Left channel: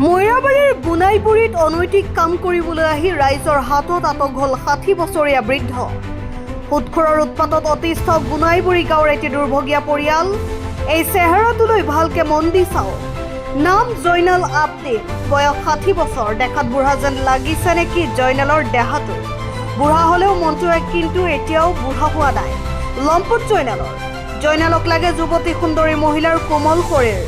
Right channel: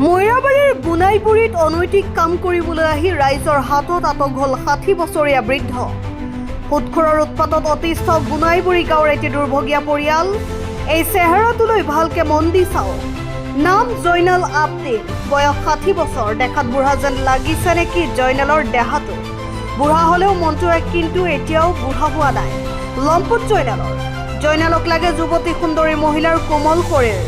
মৈৰাবাৰীৰ গুনাইপুৰীত অনৈতিক কাম কৰিবলৈ আহি ৰাইজৰ হাতত আটক হ'ল ৬০ বছৰীয়া বৃদ্ধ। সুদখোৰৰ উৎপাতত অতিষ্ঠ গুনাইপুৰী গাঁৱৰ এটি দুৰ্ভগীয়া পৰিয়াল। এই চেহেৰাটোলৈ ভালকে মন দি চাওক। নাম জয়নাল আবদিন, বয়স ৬০ বছৰ। দেখাত বুঢ়া যেন লাগিছে নেকি জয়নালৰ দেহাটো? বুঢ়া হ'লেও মনটো কিন্তু এতিয়াও বুঢ়া হোৱা নাই লম্পট জয়নালক লাগে যুৱতী সুন্দৰী মহিলাৰ কোমল শৰীৰ।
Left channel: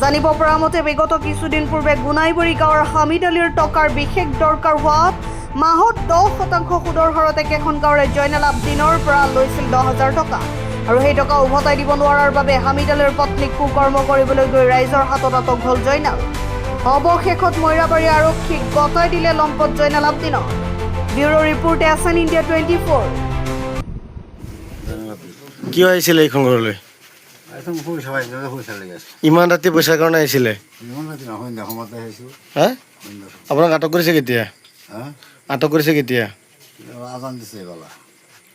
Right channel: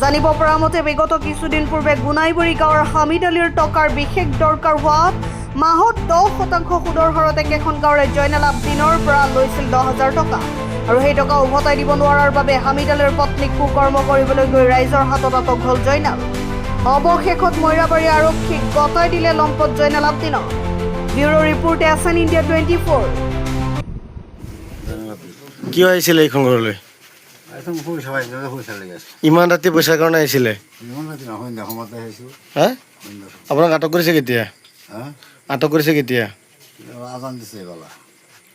জানিব পৰা মতে বিগত কিছুদিন পূৰ্বে গুনাইবৰী গাঁৱৰ হামিদ আলীৰ টকাৰ বিশেষ দৰকাৰ হোৱাত মাহত 10% সুদৰ হাৰত একেখন গাঁৱৰে জয়নাল আবদিনৰ পৰা লৈছিল 10,000 টকা আৰু সেই টকা উভতাই দিব নোৱাৰাৰ বাবে হামিদ আলীৰ পত্নীক কুকৰ্ম কৰিবলৈ গৈ ৰাইজৰ হাতত আটক হ'ল জয়নাল। অৱশেষত মৈৰাবাৰী আৰক্ষীক গতাই দিলে লম্পট জয়নাল আবদিনক। Bureau report SN India 24। কিয় আহিছিলে এইখন ঘৰলৈ? ইমান ৰাতি পইচাৰ কাৰণে আহিছিলে? হা? আপোনাক আটক কৰিছে কেতিয়া?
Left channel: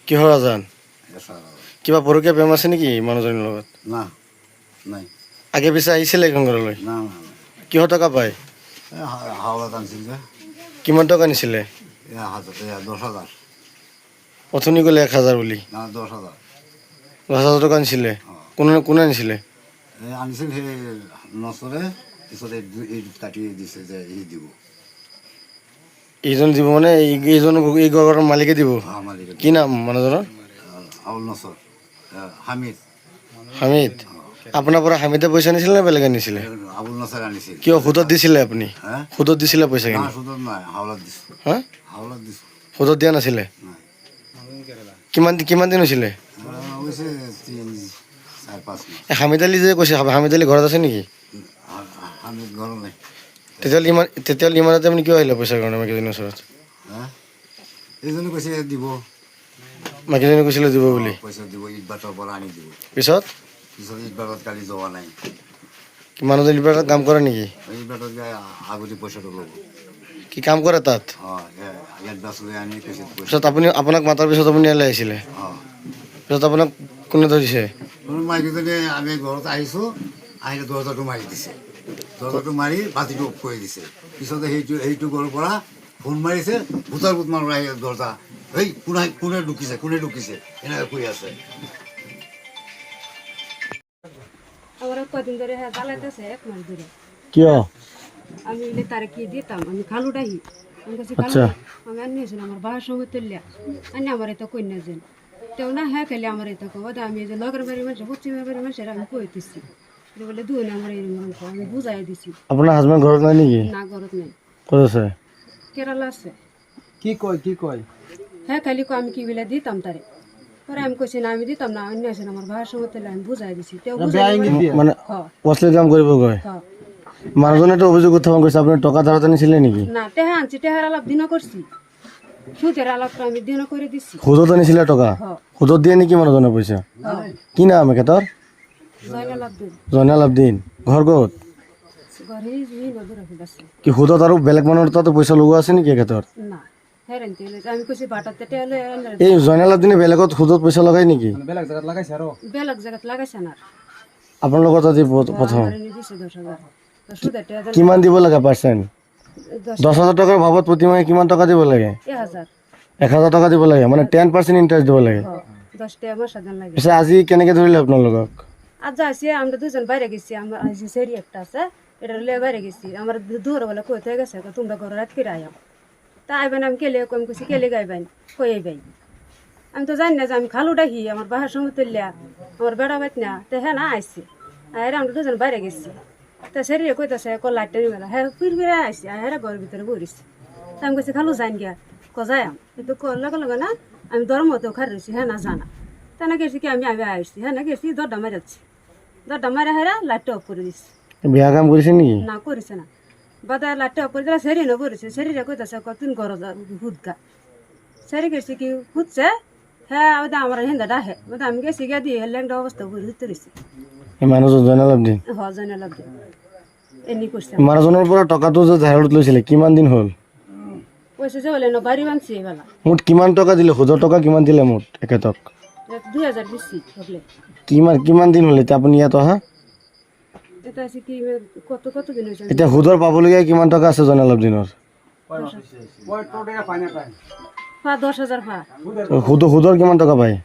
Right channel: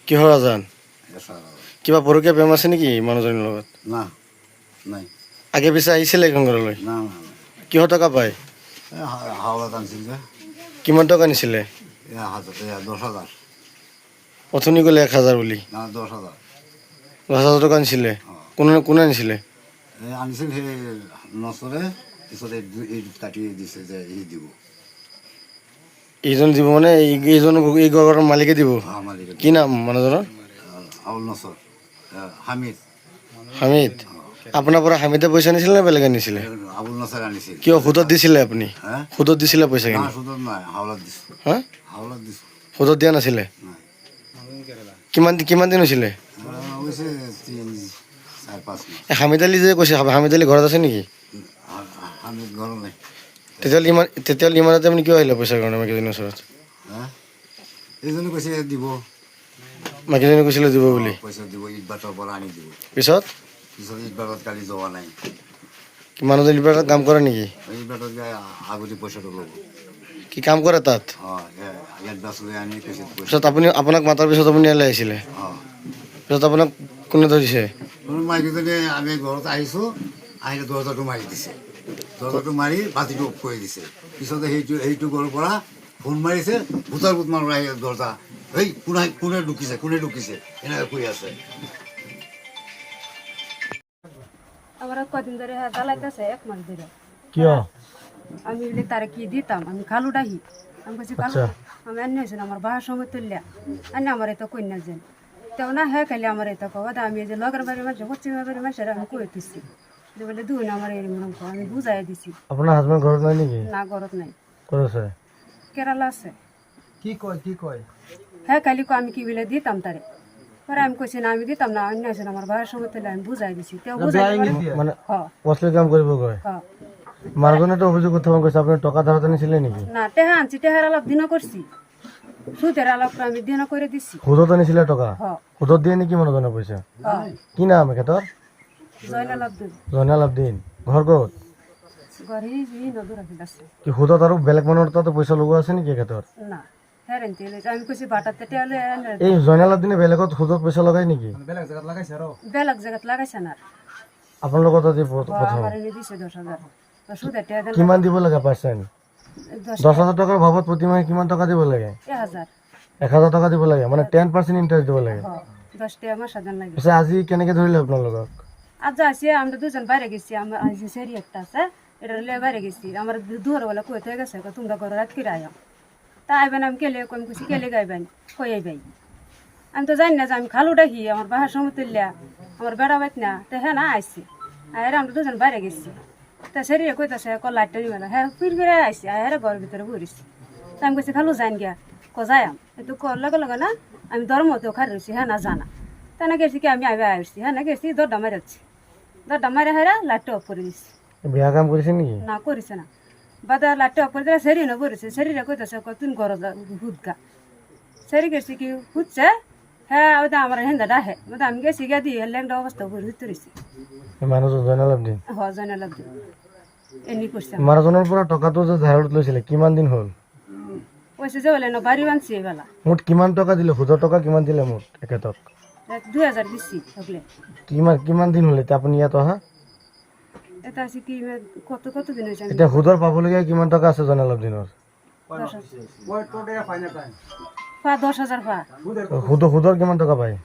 কিহৰ আজান? কিবা পৰকীয়া বেমাৰ আছে নেকি মানুহজনীৰ লগত? আগে পিছে আহিছিলে এইখন ঘৰলৈ? কিহৰ টকা পায়? কিমান টকা নিছিলে? 10,000। অথনি ক'লে 1,000 বুলি। 10,000 টকা নিছিলে? কোনে আনিছিলে? আনিছিল সেই নচৰে, পিছতে কাটি দিছে যে ই দিব। এইজন দিব মানে এই ঘৰৰ মালিকে দিব? মালিকে। কি নাম মানুহজনৰ? আবুল নচৰ, হামিদ। হামিদ? আপোনাৰ পৰা হামিদে পইচা নিছিলে নে বেলেগে নিছিলে? আবুল নচৰ আনিছিল। কিয় সুদত দিছিলে আপুনি? সুদত দিছিলে পইচাখিনি? সুদত নাই, হাওলাত দিছোঁ। হা? হাওলাত দিছোঁ। সুদত দিয়া নাছিলে? কিমান দিন হৈছিলে? হৈছে 3-4-5 মাহ। হামিদ আলী যে কৈছে, হামিদ আলী ঘৰত আছে নেকি? হামিদ ঘৰত নাই। তেতিয়াহ'লে ইমান ৰাতি আপুনি কিয় আহিলে পইচাৰ কাৰণে মাইকীজনীৰ ওচৰত? এইজনে কৈছে দিব, মাইকীজনী কৈছিলে দিব বুলি? পইচা দিব, ইট বাটৰ পৰা আনি দিব। পিছত ইট বাটত কালি যোৱা নাই। মানুহজন কিবা কাম কৰে নেকি? ইট বাটত যাই আগতে পইচাটো ল'ব। কি কাম কৰে তাত? এডভান্স লৈ আনি কৈছে পইচা। পিছত আপোনাক মাতাৰ পিছত আপুনি ইয়ালৈ আহিছিলে? পিছত আপোনাক কোনে ধৰিছে? মাইকীজনী আমি ঘৰত আহিছোঁ, আহিলে দৰ্জাটো মাৰি দিছে। দৰ্জাটো মাৰি বাতিটো অফ কৰি দিছে। পিছতে সেইটো ঘৰৰ পৰা ফোন মাৰিছে, ভূতাৰ ভূত মানুহ আহি দৰ্জা, এই কোনে ঢুকিছে এনেকৈ কৈ আছে। আমরা কদিন ধরে হ্যাঁ জ্বালাইতেছে 1 মাস ধরে। কিয়? আমি বলে তারা কি দিতাম, আমি খালু ডাহি আমি কাছে খালু আমি আনি হয়েছিল আমার বাহার সময় তুললে আনি আমার এত কন্যা যেন তেও না হ্যাঁ খালি আমার এত কবাদ আমি যে লগের বাড়ির মানুষ পশ্চিমের বাড়ির মানুষের আমি কয়ে দিচ্ছি বলে দুই আমার এরকম আমি বুঝাই দিছি। আপোনাৰ হাজবেণ্ড ঘৰত নাই নেকি? না ঘরত নাই। ক'ত আছে? কেরালা আছে। কি কয় হ্যাঁ খালি আমি কি বলে দিতাম তারে পরে আমি কইছি না আমি দিতাম না অন্য আছে আমার বাহার সময় তুললে আমি বুঝাই দিছি তেও বুঝাই মানে হ্যাঁ অশ্লীল কাম কৰিব কয়? হ্যাঁ মানুহজনেতো অভিযোগ উত্থাপন কৰিছে আপুনি টকা ধাৰত আনিছিলে নেকি? না টেহা আনছি টেহার আলাপ দিনও করছি সুদের আলাপটা আমি দিনও করে দিছি। সুদত আনিছিলে টকা? হ্যাঁ সুদত দিয়ে নেকি মানুহজনে পইচা? হ্যাঁ কি নাম এখেতৰ? জয়নাল আব্দুল জয়নাল আবদিন। ঘৰ ক'ত? ঘরে নদূর আছে কি সুদত আৰু বেলেগ মানুহৰ তাতো পইচা লগোৱা আছে নেকি এখেতৰ? না হেরেন তেলে আমি কইছি বাটাতে তেলে এই জয়নাল আবদিনে বেলেগত সুদত পইচা লগাই নেকি? বেলেগ জায়গাত লাগাইছে আৰু বেলেগ জায়গাত লাগাইছে না আপোনালোকৰ তাতে প্ৰথম আমার এনে দিছে 10,000 সুদে টেলে কিমান দিব লাগে পাৰ্চেণ্ট? 10,000 টকাৰ ভাৱত প্ৰতিমাহে কিমান টকা দিব লাগে? 1,000 1,000 টকা দিব লাগে, মানে 10% ইণ্টাৰেষ্ট দিব লাগে। 10 টাকা মাসা দেন লাগে। পিছে আজি কেনেকৈ ধৰিলে আপোনালোকক? আজ যাইছি আমরা দুজন বাইরে গেছি আমার আজ সেরি একটা আছে এটা লে বাইরে গেছি আমার দুয়ার বেলা কইতে গেছে তোমরা ঘর রাত করে আয়াম তা আইবেন আমি কেলে কম কইছি কেলে গাইবেন কই আইবেন আমি তো জানি না যে আমি খালু ডাহি আমার বাহার সময় তুললিয়া আমার বেড়া মাইত না তো হ্যাঁ না আইসি আর আমরা দুজন বাইরে গেছি তা সেরি কইতেছে লাইটটা নিবেলা হ্যাঁ ফিরে আইসি আর ঘরের ভিতরে বইছি তা আমি কইছি খালু যাইন গিয়া যাইম একটু লগে লগে না আমি ধর্মতেও খার রয়েছি হ্যাঁ না জানা তা না গেছি কি আমি আইবে আসছি হ্যাঁ না গেছি দরডা মারাচ্ছি দরডা মারা হেরা লাইটটা অফ করে দিচ্ছি। বেয়া কাম কৰিছে নেকি? না করেছে না বাদা লাইটটা অফ করে দিলে সেরি না করেছে সেরিরে কইতেছে তুই ঘর হুদগা সেরি গেছি কি হুদছে হ্যাঁ ওটা আমার হেন্দা ডাহে ওটা আমি গেছি গিয়া দিয়ে ল্যাংটা অবস্থা করে হুদতে রয়েছি। এই মানুহজন জয়নাল আবদিন জানে লাগবে এমনি করছে মানুহজনৰ পৰা টকাটো যে ধাৰত লৈছিলে কিমান দিন হ'ল? কইছে যে বলে না বাড়ি বানছি এইবেলা মুঠ কিমান টকা দিলে? সুদৰ টকা কিমান দিলে মুঠ এখেতক? 2,000 দিচ্ছি সকলে। কিমান দিন হ'ল এতিয়া আপুনি ইয়াত অহা? এটা আছে কি কত কত দিন হয়েছে আমি এতিয়া সুদৰ পাবলগীয়া কিমান টকা আছে জনাই অলপ দিনৰ 10,000 পা সুদৰ কিমান টকা পায়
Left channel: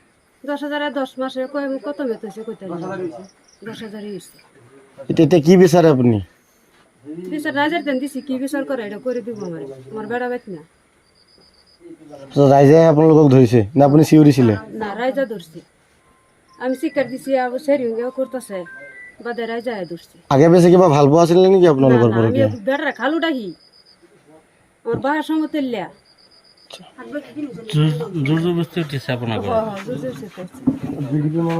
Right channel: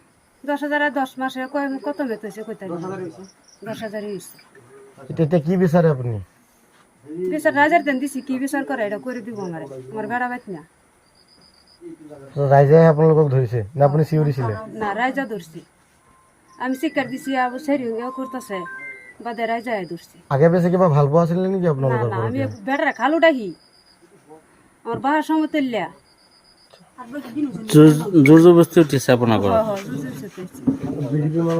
10,000 10 মাসে কয় কত মেত হয়েছে কইতা 10,000 হয়েছে এতিয়া কি বিচাৰে আপুনি বিচার না যার দেন দিছি কি বিচার করে এটা করে দিব আমার বেড়া বাইত না ৰাইজে আপোনালোকক ধৰিছে নে আপুনি চিঞৰিছিলে না রাইজা ধরছি আমি শিকার দিছি আবু সেরিও করতেছে বাদে রাইজা ধরছি আগে পিছে কিবা ভাল পোৱা আছিল নেকি না আপোনালোকৰ না আমি পৰকীয়া বেড়া খালু ডাহি আমার বাহার সমতুল্যা জোর জবস্তি উঠেছে আপনার জোর জোর